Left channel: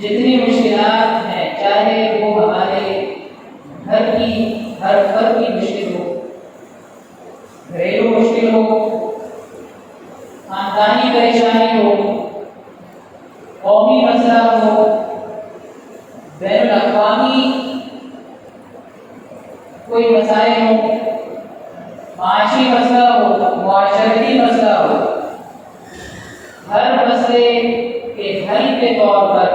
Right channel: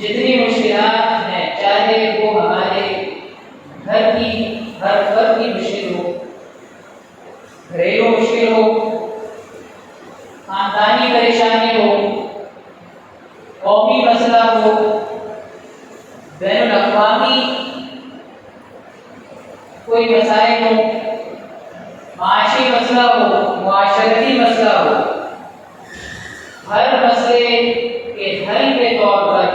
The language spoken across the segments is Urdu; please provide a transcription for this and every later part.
جتنی مشکلات ہیں، چاہے وہ ہمارے گھر کی ہر فرد کی مشکل ہو، گھریلو مشکل ہو، خاندانی پریشانی ہو، قومی مسئلہ ہو، بین الاقوامی کوئی مسائل ہو، معاشی مسئلہ ہو، معاشرتی مسئلہ ہو، ہر مسئلے کے حل کے طور پر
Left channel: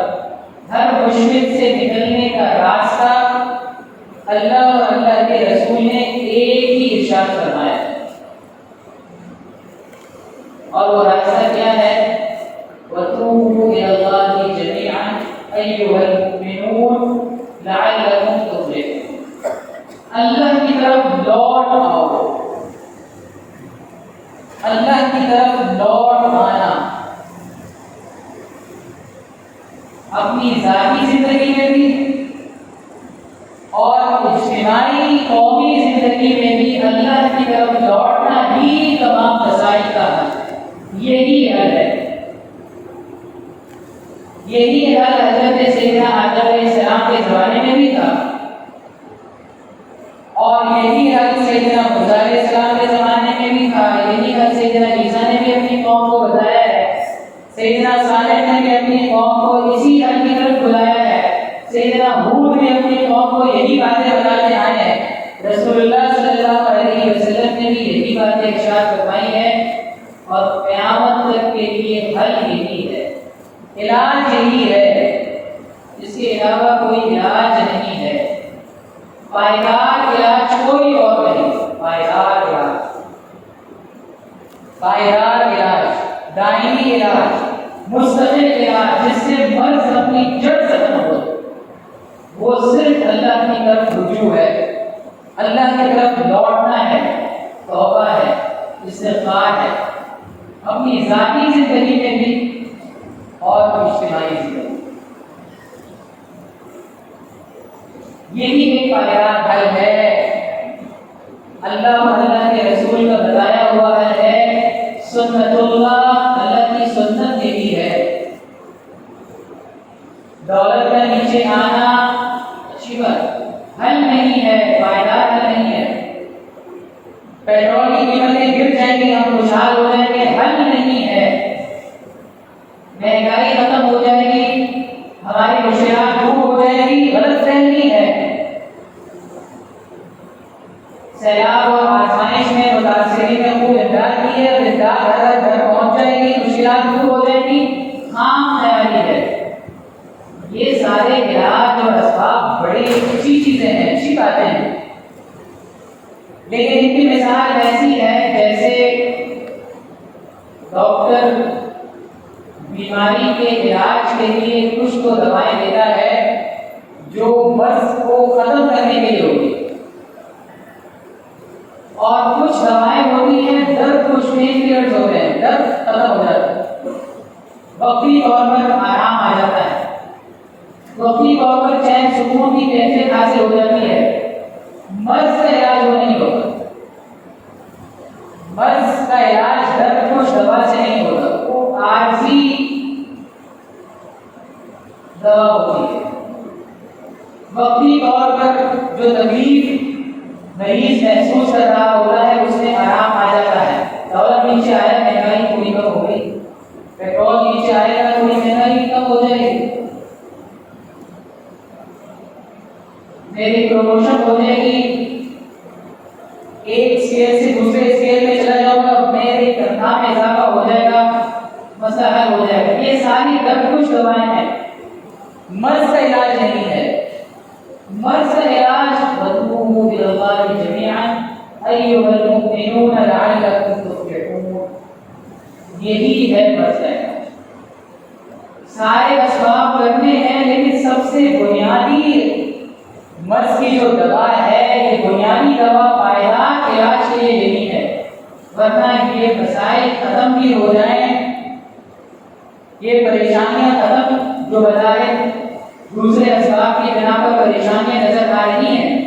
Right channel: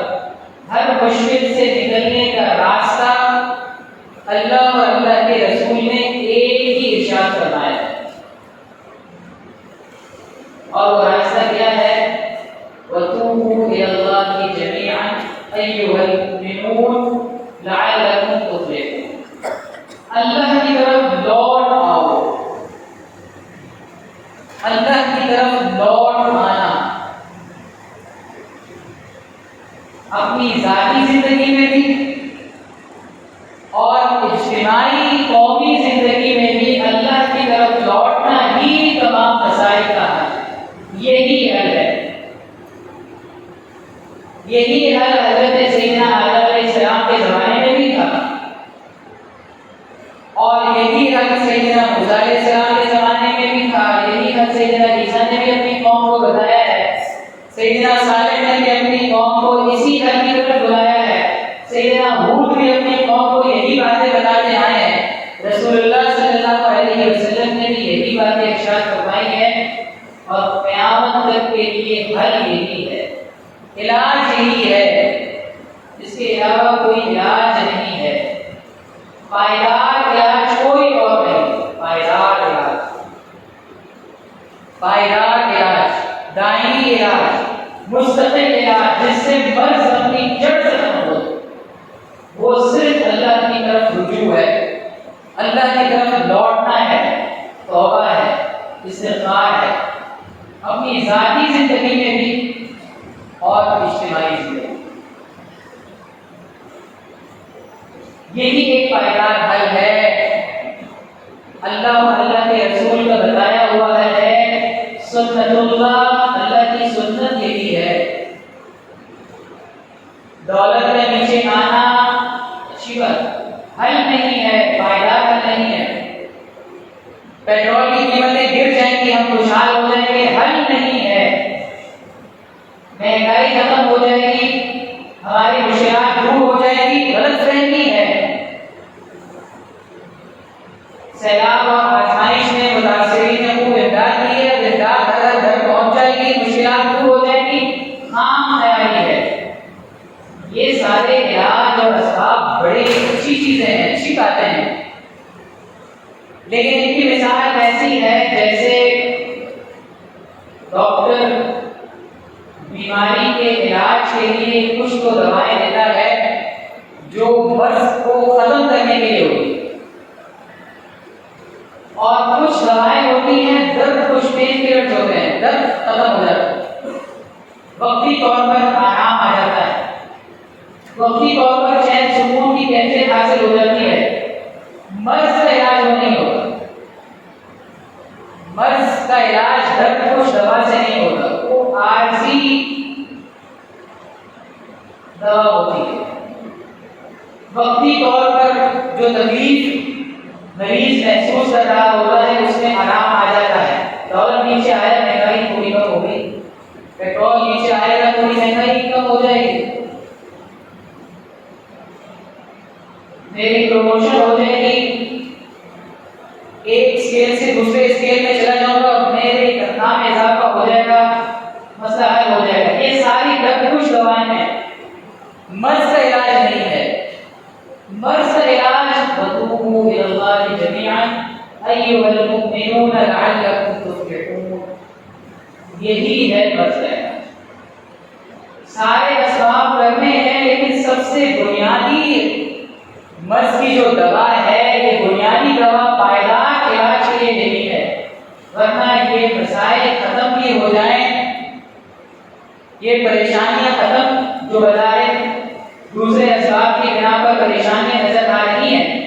ہر مشکل سے نکلنے کا راستہ اللہ اور اللہ کے رسول نے ایک ہی ارشاد فرمایا ہے، اور وہ راستہ کیا ہے؟ وَتُوبُوا إِلَى اللَّهِ جَمِيعًا أَيُّهَا الْمُؤْمِنُونَ لَعَلَّكُمْ تُفْلِحُونَ۔ اللہ کی طرف لوٹ آؤ، اللہ کی طرف لوٹ آنا اپنی ذاتی زندگی میں بھی اور اجتماعی قومی زندگی میں بھی اللہ کی طرف لوٹنا ہی تمام مسائل کا حل ہے۔ یہی حل ہے، یہی حل حضرت سیدنا آدم علیہ السلام کے زمانے میں بھی تھا، اور یہی حل سیدنا موسیٰ علیہ السلام کے زمانے میں بھی تھا، یہی حل سیدنا عیسیٰ نے بھی اپنی قوم کو بتایا ہے، سیدنا صالح نے بھی اپنی قوم کو اسی حل کی طرف بلایا ہے، سیدنا ہود بھی اپنی قوم کو یہی باتیں بتاتے آئے ہیں، رسول اللہ صلی اللہ علیہ وسلم نے بھی یہی باتیں ارشاد فرمائی ہیں، اور قیامت تک کے لیے حل یہی ہے، علاج یہی ہے، اس کے علاوہ کوئی علاج نہیں ہے، پائیدار علاج کوئی اور نہیں، پائیدار علاج، پائیدار علاج، دائمی علاج، مستقل علاج، جس سے مرض اپنی جڑ ختم ہو، وہ صرف اللہ کی طرف رجوع ہے، اللہ کی طرف لوٹنا ہے، توبہ ہے، استغفار ہے، اپنی ذاتی زندگی میں بھی اور اجتماعی زندگی۔ یہی ایک پائیدار حل ہے، اللہ اور اللہ کے رسول کا بتایا ہوا ہے، سنت اللہ، اللہ کی سنت یہی ہے۔ دولت کا نیچے آنا اچھی بات، حل نہیں ہے، پائیدار حل نہیں ہے، پیٹرول کی قیمتیں گر جائیں گی ہم خوشحال ہو جائیں گے، حل نہیں ہے، مہنگائی ختم ہو جائے گی، ہماری مشکلات دور ہو جائے گی، غلط فہمی ہے، سیلاب اور آزمائش نے متاثرین نے خوب امداد کی ہے، امداد ہر گھر پہنچ جائے گی، مشکلات دور ہو جائے گی، خام خیالی ہے۔ یہ سارے علاج اور اسباب بڑی اچھی چیزیں ہیں، اچھی باتیں ہیں، لیکن ان کی مثال ایسی ہے جیسے ڈاکٹر بیماری کے علاج کے لیے کچھ تو دوائیں دیتا ہے جو مرض کو ختم کرنے کے لیے ہوتی ہے، اور کچھ دوائیں ہوتی ہیں درد، کچھ پین کلرز ہوتے ہیں، درد ختم ہو جاتا ہے، وقتی طور پر آرام آ جاتا ہے، وقتی طور پر چین سکون کی کیفیت حاصل ہو جاتی ہے، مرض کا علاج وہ نہیں ہوتا، مرض کا علاج درد کچھ دوا سے نہیں ہوتا، وہ عارضی دوا ہوتی ہے، وقتی طور پر جو تکلیف مریض محسوس کر رہا ہوتا ہے اس میں آرام آ جاتا ہے، ڈالر نیچے آیا مہنگائی تھوڑی کم ہو گئی، پیٹرول نیچے آئے گا تھوڑی مہنگائی کم ہو جائے گی، میری پروموشن ہو جائے گی، ایک اسکیل سے دوسرے اسکیل میں چلا جاؤں گا، میری تنخواہ میں اضافہ ہو جائے گا، مسئلہ حل ہو جائے گا۔ یہ ساری درد کچھ دوائیں ہیں، مرض کا علاج نہیں ہے، مرض کا علاج وَتُوبُوا إِلَى اللَّهِ جَمِيعًا أَيُّهَا الْمُؤْمِنُونَ لَعَلَّكُمْ تُفْلِحُونَ۔ یہی ہے مرض کا علاج، سارے اسباب کرنے ہیں، لیکن سب سے بنیادی مرض کی جو دوا ہے، یہ بنیادی دوا پائیدار علاج کے لیے نہیں ہے، ورنہ یہ مسائل ختم بھی ہو جائیں، یہ پریشانیاں ختم جو بظاہر دوسرے اسباب کی بنا پر پریشانیاں نظر آ رہی ہیں،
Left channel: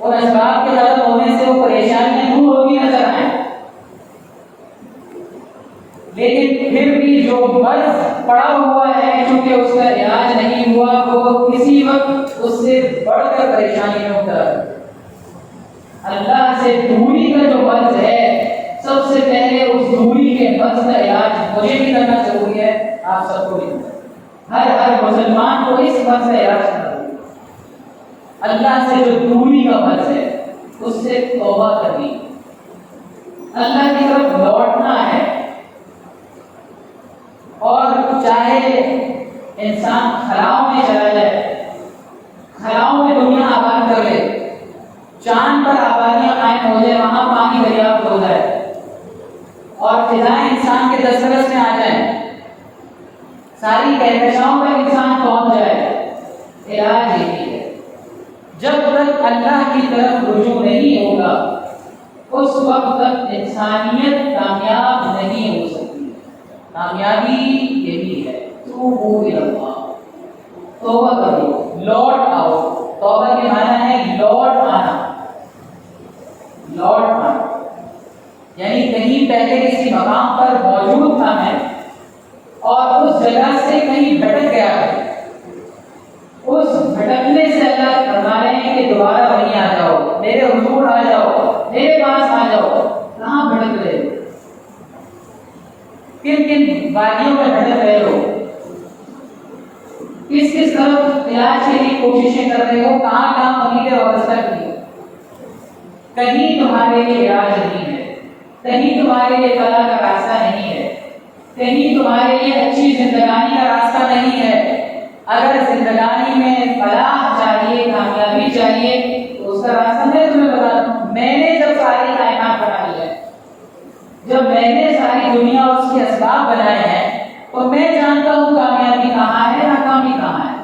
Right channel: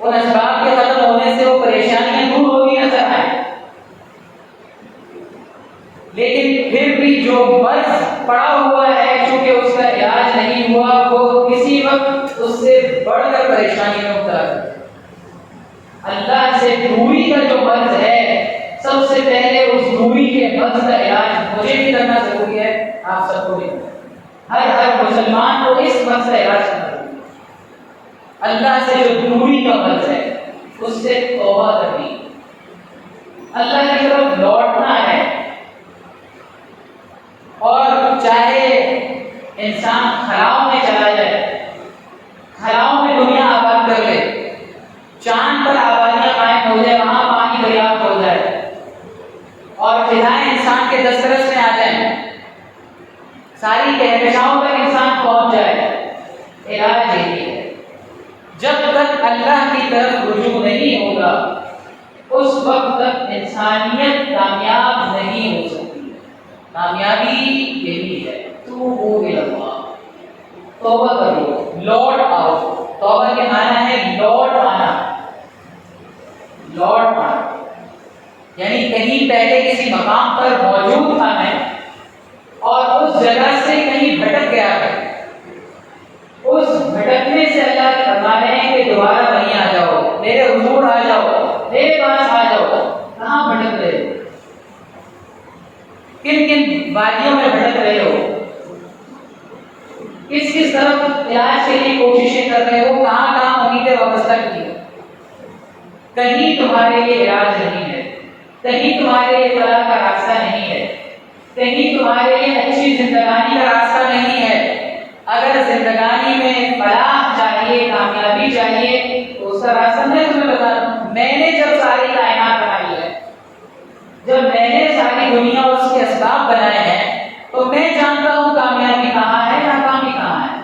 ان اسباب کے ختم ہونے سے وہ پریشانیاں دور ہوتی نظر آئیں، لیکن پھر بھی جو مرض پڑا ہوا ہے چونکہ اس کا علاج نہیں ہوا، وہ کسی وقت اس سے بڑھ کر پریشانی میں مبتلا ہے۔ اللہ سے دوری کا جو مرض ہے، سب سے پہلے اس دوری کے مرض کا علاج مجھے بھی کرنا ضروری ہے، آپ سب کو بھی، ہر مسلمان کو اس مرض کا علاج کرنا ضروری ہے۔ اللہ سے جو دوری کا مرض ہے اس سے توبہ کرنی، اللہ کی طرف لوٹنا ہے۔ اور چاہے انسان خلاؤں میں چلا جائے، خلاؤں میں دنیا آباد کر لے، چاند پر آبادیاں قائم ہو جائے، وہاں پانی دریافت ہو جائے اور فضائیں انسان کے دسترس میں آ جائیں، ساری کہکشاؤں پر انسان پہنچ جائے، علاج یہی ہے۔ جب تک اللہ کی طرف رجوع نہیں ہوگا اس وقت تک انسانیت کامیاب نہیں ہو سکتی۔ کامیابی یہی ہے، توبوا الی اللہ، توبہ کرو، لوٹ آؤ۔ توبہ کے معنی ہے لوٹ آنا، لوٹ آنا یعنی کہیں پہلے کسی مقام پر موجود تھا میں اور اس جگہ سے کہیں بھٹک گیا ہے، اس بھٹکنے سے اللہ فرما رہے ہیں کہ دوبارہ وہیں آ جاؤ، میرے حضور آ جاؤ، میرے پاس آ جاؤ۔ کہاں بھٹک رہے ہو؟ کن کن وادیوں میں بھٹک رہے ہو؟ کس کس طرف علاج کے لیے کوششیں کر رہے ہو؟ کہاں کہاں امیدیں وابستہ کی؟ کہیں تمہارے لیے علاج نہیں ہے، کہیں تمہارے لیے فلاح کا راستہ نہیں ہے، کہیں تمہارے لیے اچھی زندگانی کا راستہ نہیں ہے۔ اگر زندگانی میں فلاح چاہیے، کامیابی چاہیے تو اس کا راستہ میں تمہیں بتا دوں۔ میں نے جب ساری کائنات بنائی ہے، جب میں نے ساری دنیا اور اس کے اسباب بنائے ہیں، تو میں جانتا ہوں کامیابی کہاں ہے، ناکامی کہاں ہے۔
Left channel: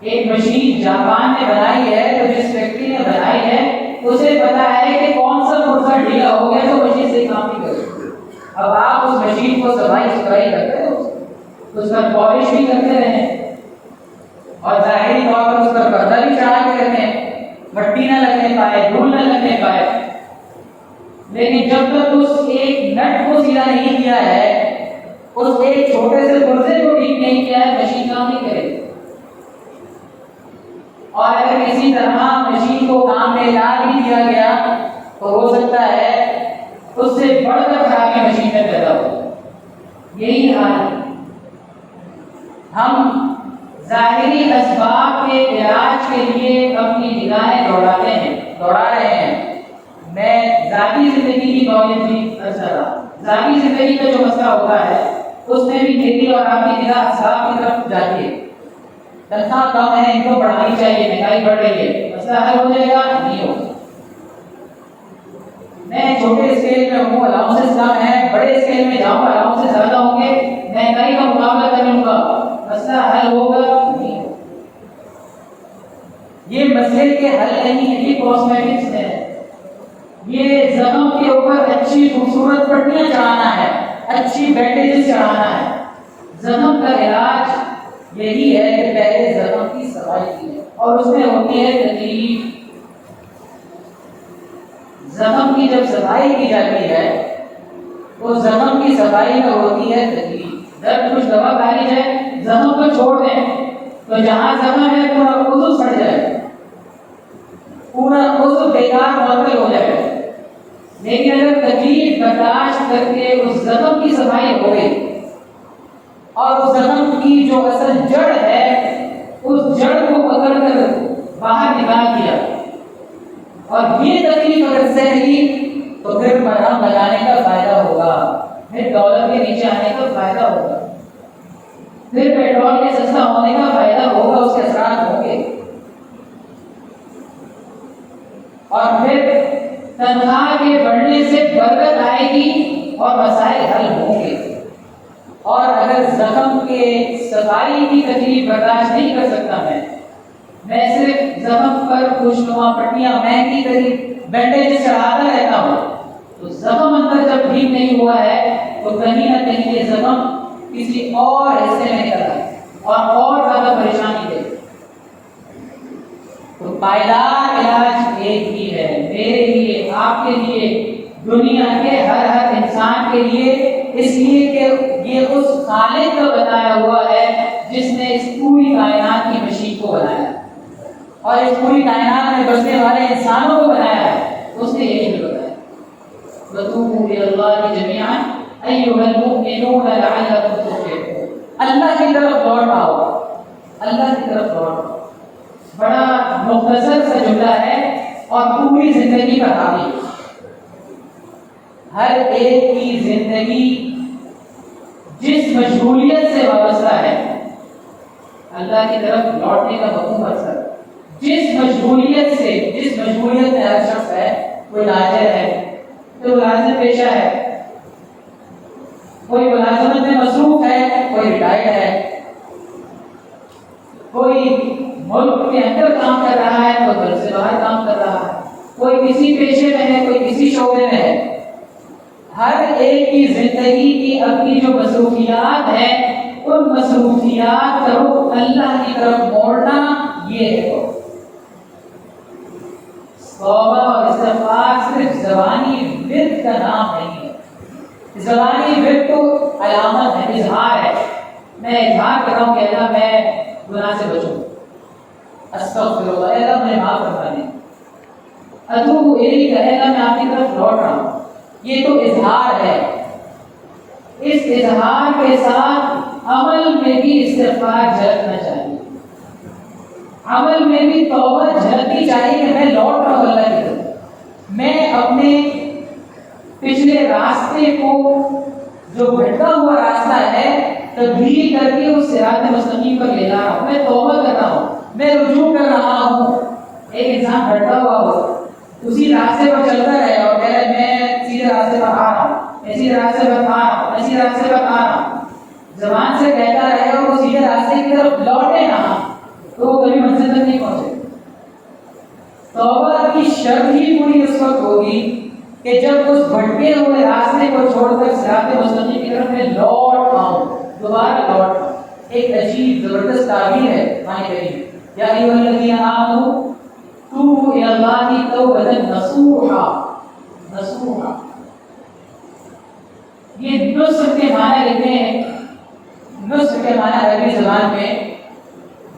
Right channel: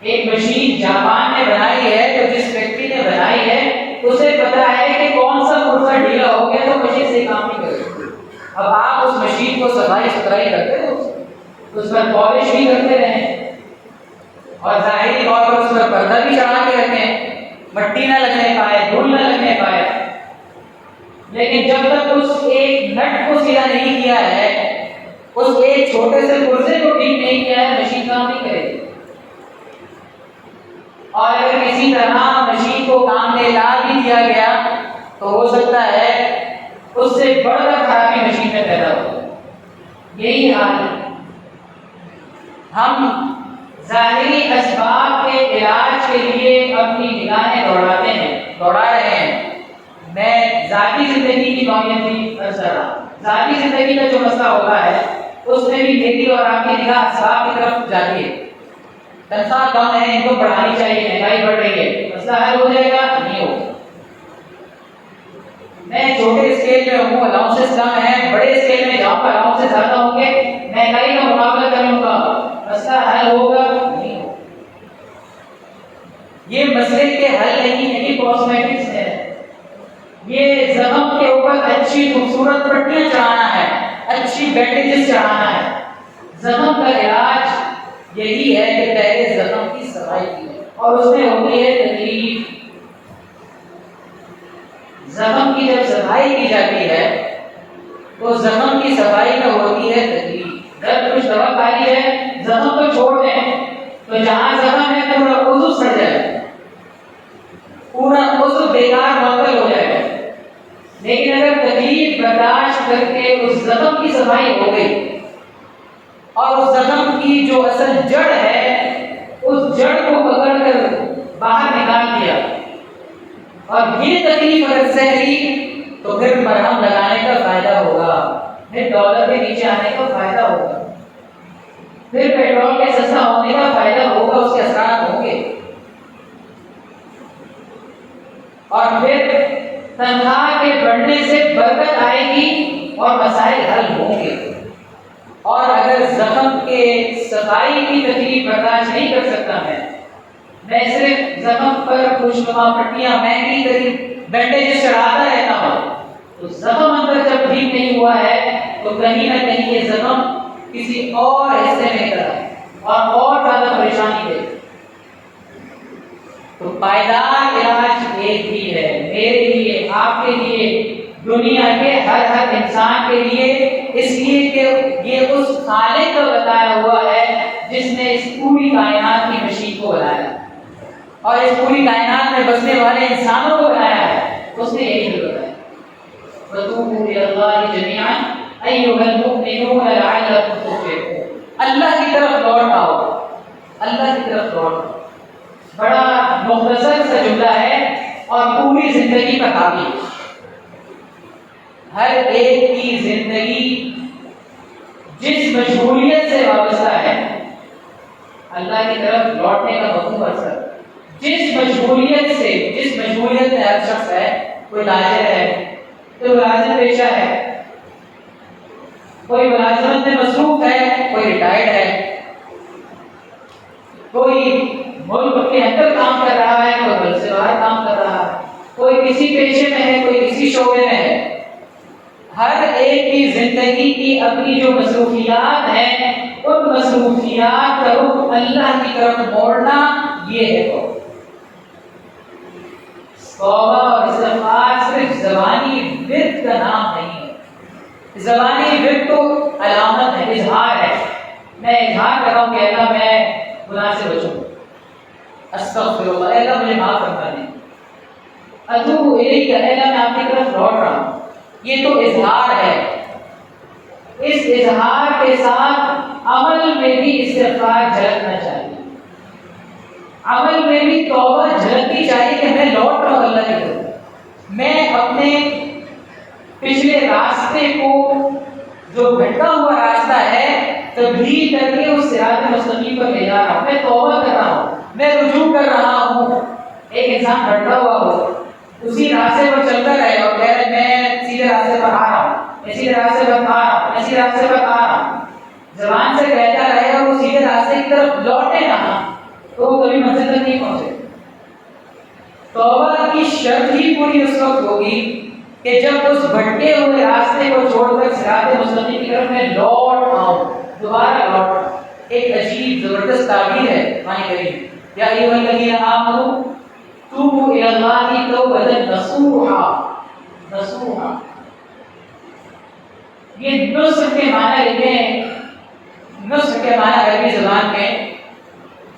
ایک مشین جاپان نے بنائی ہے، تو جس فیکٹری نے بنائی ہے اسے پتا ہے کہ کون سا پرزہ ڈھیلا ہو گیا تو مشین سے کام نہیں کرے۔ اب آپ اس مشین کو صفائی ستھرائی کرتے ہیں، اس پر پالش بھی کرتے رہیں اور ظاہری طور پر اس پر پردہ بھی چڑھا کے رکھیں، مٹی نہ لگنے پائے، دھول نہ لگنے پائے، لیکن جب تک اس ایک نٹ کو سیدھا نہیں کیا ہے، اس ایک چھوٹے سے پرزے کو ٹھیک نہیں کیا ہے، مشین کام نہیں کرے گی۔ اور اگر کسی طرح مشین کو کام میں لا بھی دیا گیا تو ہو سکتا ہے اس سے بڑھ کر خرابی مشین میں پیدا ہو۔ یہی حال ہے، ہم ظاہری اسباب کے علاج کے لیے اپنی نگاہیں دوڑا رہے ہیں۔ میں ذاتی زندگی کی نوعیت بھی عرض کر رہا ہوں۔ ذاتی زندگی کا جو مسئلہ ہوتا ہے اس میں بھی میری اور آپ کی نگاہ اسباب کی طرف جاتی ہے۔ تنخواہ کم ہے، ان کو بڑھانی چاہیے، مہنگائی بڑھ رہی ہے، مسئلہ حل ہو جائے گا؟ نہیں ہوگا۔ میں چھوٹے اسکیل میں ہوں، الاؤنسز کم ہیں، بڑے اسکیل میں جاؤں گا، الاؤنسز زیادہ ہوں گے، مہنگائی کا مقابلہ کروں گا، مسئلہ حل ہوگا؟ نہیں ہوگا۔ یہ مسئلے کے حل نہیں ہے، یہ کاسمیٹکس ہے، یہ زخم کے اوپر اچھی خوبصورت پٹیاں چڑھانا ہے، اچھی بینڈیجز چڑھانا ہے۔ زخم کا علاج یہی ہے کہ پہلے زخم کی صفائی کی اور اس میں ہوتی ہے تکلیف۔ زخم کی جب صفائی کی جاتی ہے تو زخم کی صفائی میں ہوتی ہے تکلیف۔ جب کچھ دوا پائی جائے، زخم کو چھوڑ دیں تو جہاں زخم ہے پورا عضو سڑ جائے، پورا عضو بیکار معطل ہو جائے۔ لیکن اگر تکلیف برداشت کر کے اس زخم کی صفائی ہو گئی اور اس زخم کی جو اصل جڑ ہے اس جڑ کو پکڑ کر باہر نکال دیا اور یہ تکلیف اگر سہ لی تو پھر مرہم لگانے کا فائدہ ہوگا، پھر ڈالر کے نیچے آنے کا فائدہ ہوگا، پھر پیٹرول کے سستا ہونے کا فائدہ ہوگا، اس کے اثرات ہوں گے، اور پھر تنخواہ کے بڑھنے سے برکت آئے گی اور مسائل حل ہوں گے۔ اور اگر زخم کے صفائی کی تکلیف برداشت نہیں کر سکتا میں صرف زخم پر خوشنما پٹیاں مہنگی ترین بینڈیجز چڑھاتا رہتا ہوں تو زخم اندر جب ٹھیک نہیں ہوا ہے تو کہیں نہ کہیں یہ زخم کسی اور حصے میں نکل ہے اور زیادہ پریشانی دے۔ تو پائیدار علاج ایک ہی ہے، میرے لیے، آپ کے لیے، دنیا کے ہر انسان کے لیے، اس لیے کہ یہ اس خالق کا اس پوری کائنات میں بسنے والے انسانوں کو بنایا ہے، اس نے یہی بتایا وَتُوبُوا إِلَى اللَّهِ جَمِيعًا أَيُّهَا الْمُؤْمِنُونَ لَعَلَّكُمْ تُفْلِحُونَ۔ اللہ کی طرف لوٹ آؤ، اللہ کی طرف لوٹ آؤ۔ بڑا مختصر سا جملہ ہے اور پوری زندگی پر حاوی ہے۔ ہر ایک کی زندگی جس مشغولیت سے وابستہ ہے، اللہ کی طرف لوٹنے کا مفہوم اکثر جس مشغولیت میں ہر شخص ہے، کوئی تاجر ہے، کوئی ملازم پیشہ ہے، کوئی ملازمت میں مصروف ہے، کوئی ریٹائرڈ ہے، کوئی ملک کے اندر کام کر رہا ہے، کوئی ملک سے باہر کام کر رہا ہے، کوئی کسی پیشے میں ہے، کوئی کسی شعبے میں ہے۔ ہر ایک کی زندگی کی اپنی جو مصروفیات ہیں، ان مصروفیات کا رخ اللہ کی طرف موڑنا، یہ ہے توبہ اور استغفار صرف زبانی ورد کا نام نہیں ہے۔ زبانی ورد تو علامت ہے، اظہار ہے، میں اظہار کر رہا ہوں کہ اللہ میں گناہ سے بچوں، استغفر اللہ، اللہ مجھے معاف کرنا دیں، اتوب الیک، اللہ میں آپ کی طرف لوٹ رہا ہوں، یہ تو اظہار ہے۔ اس اظہار کے ساتھ عمل میں بھی استغفار جھلکنا چاہیے، عمل میں بھی توبہ جھلکنی چاہیے کہ میں لوٹ رہا ہوں اللہ کی طرف، میں اپنے پچھلے راستے کو جو بھٹکا ہوا راستہ ہے تبدیل کر کے اس صراط مستقیم پر لے جا رہا ہوں، میں توبہ کر رہا ہوں، میں رجوع کر رہا ہوں۔ ایک انسان بھٹکا ہوا ہو، اسی راستے پر چلتا رہے اور کہہ رہے میں سیدھے راستے پر آ رہا ہوں، میں سیدھے راستے پر آ رہا ہوں، میں سیدھے راستے پر آ رہا ہوں، زبان سے کہتا رہے اور وہ سیدھے راستے کی طرف لوٹے نہ، تو وہ کبھی منزل تک نہیں پہنچے۔ توبہ کی شرط ہی پوری اس وقت ہوگی کہ جب اس بھٹکے ہوئے راستے کو چھوڑ کر صراط مستقیم کی طرف میں لوٹ آؤں، دوبارہ لوٹ آؤں۔ ایک عجیب زبردست تعبیر ہے قرآن کریم، یا ایھا الذین آمنوا توبوا الی اللہ توبۃ نصوحا، نصوحا، یہ نصح کے معنی لکھیں، نصح کے معنی عربی زبان میں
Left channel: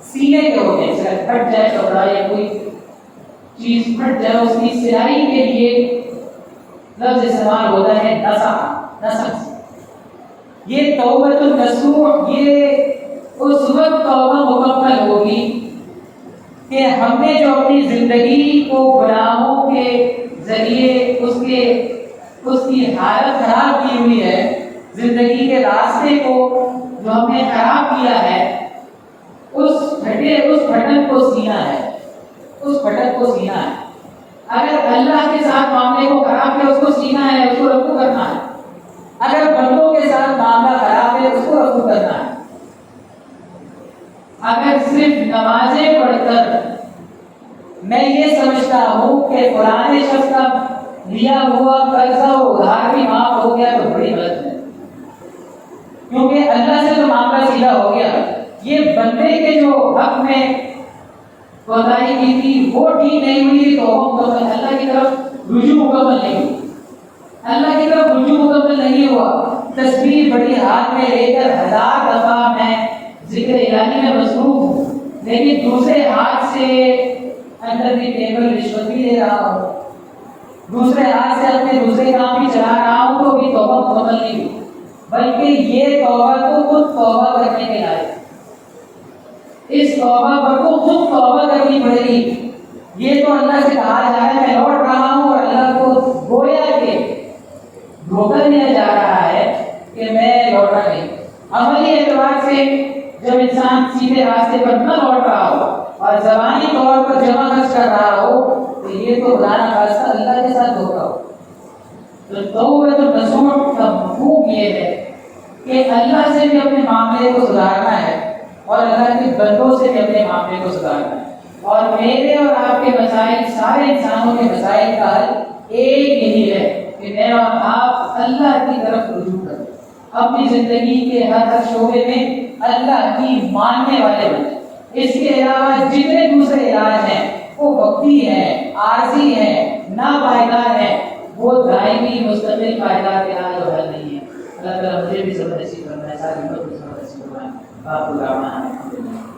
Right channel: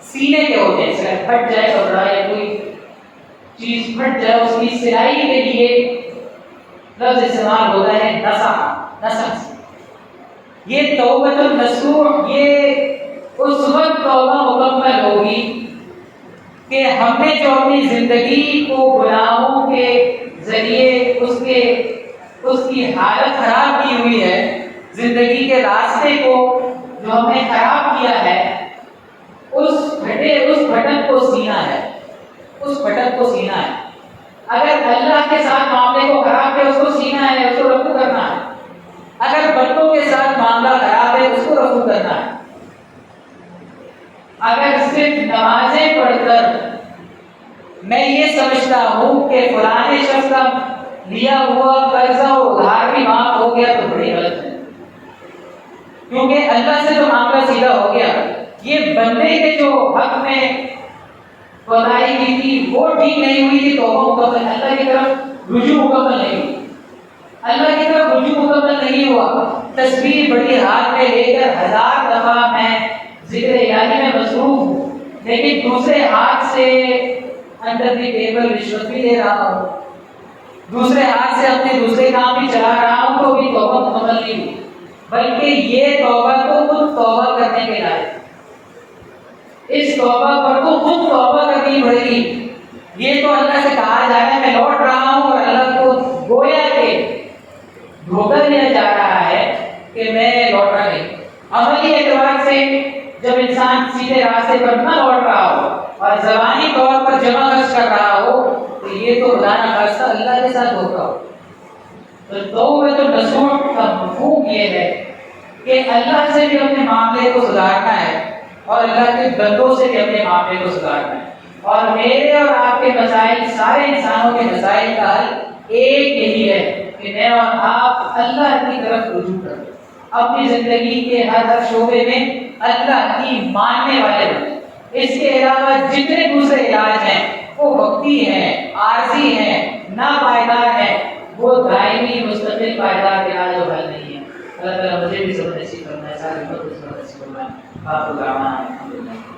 سینے کے ہوتے ہیں، اگر پھٹ جائے کپڑا یا کوئی چیز پھٹ جائے اس کی سلائی کے لیے لفظ استعمال ہوتا ہے نصح، نصح۔ یہ توبۃ النصوح، یہ اس وقت توبہ مکمل ہوگی کہ ہم نے جو اپنی زندگی کو گناہوں کے ذریعے اس کی حالت خراب کی ہوئی ہے، زندگی کے راستے کو جو ہم نے خراب کیا ہے، اس بھٹک کو سینا ہے، اس بھٹک کو سینا ہے۔ اگر اللہ کے ساتھ معاملے کو خراب ہے، اس کو سینا ہے، اس کو رفع کرنا ہے۔ اگر بندوں کے ساتھ معاملہ خراب ہے، اس کو رفع کرنا ہے۔ اگر صرف نمازیں پڑھ کر میں یہ سمجھتا ہوں کہ فلاں شخص کا لیا ہوا قرضہ و ادھار بھی معاف ہو گیا تو بڑی غلط ہے، کیونکہ اللہ سے تو معاملہ سیدھا ہو گیا، یہ بندے کے جو حق میں کوتاہی کی تھی وہ ٹھیک نہیں ہوئی تھی، تو مکمل اللہ کی طرف رجوع مکمل نہیں ہوئی، اللہ کی طرف رجوع مکمل نہیں ہوا۔ تسبیح بڑی ہاتھ میں لے کر 1000 دفعہ میں ذکر الہی میں مصروف ہوں، لیکن دوسرے ہاتھ سے اندر کی ٹیبل رشوت بھی لے رہا ہوں، دوسرے ہاتھ سے اپنے دوسرے کام بھی چلا رہا ہوں، تو بھی توبہ مکمل نہیں ہوئی، بلکہ یہ توبہ تو خود توبہ کرنے کے لائق، اس توبہ پر تو خود توبہ کرنی پڑے گی۔ یہ تو اللہ سے کہا جا رہا ہے میں لوٹ رہا ہوں، اور اللہ کو گویا کہ دھوکہ دیا جا رہا ہے کہ میں لوٹا نہیں۔ عملی اعتبار سے جب انسان سیدھے راستے پر نہ لوٹ رہا ہو اور زبانی طور پر جمع خرچ کر رہا ہو، تو یہ تو خدا نہ خواستہ اللہ کے ساتھ ہوگا۔ تو توبۃ النصوح کا مفہوم یہ ہے کہ اللہ سے بھی اپنے معاملے کو سدھارنا ہے اور اللہ کے بندوں سے بھی اپنے معاملے کو سدھارنا ہے، اور میرے اور آپ کے مسائل، سارے انسانوں کے مسائل کا حل ایک یہی ہے کہ میں اور آپ اللہ کی طرف رجوع کریں، اپنی زندگی کے ہر شعبے میں اللہ کی ماننے والے بنیں۔ اس کے علاوہ جتنے دوسرے علاج ہیں وہ وقتی ہیں، عارضی ہیں، ناپائیدار ہیں، وہ دائمی مستقل پائیدار علاج و حل نہیں ہے۔ اللہ تعالیٰ مجھے بھی صبر نصیب کرنا ہے، ساری امت کو صبر نصیب کرنا ہے۔ آپ کو دعوانا ہے۔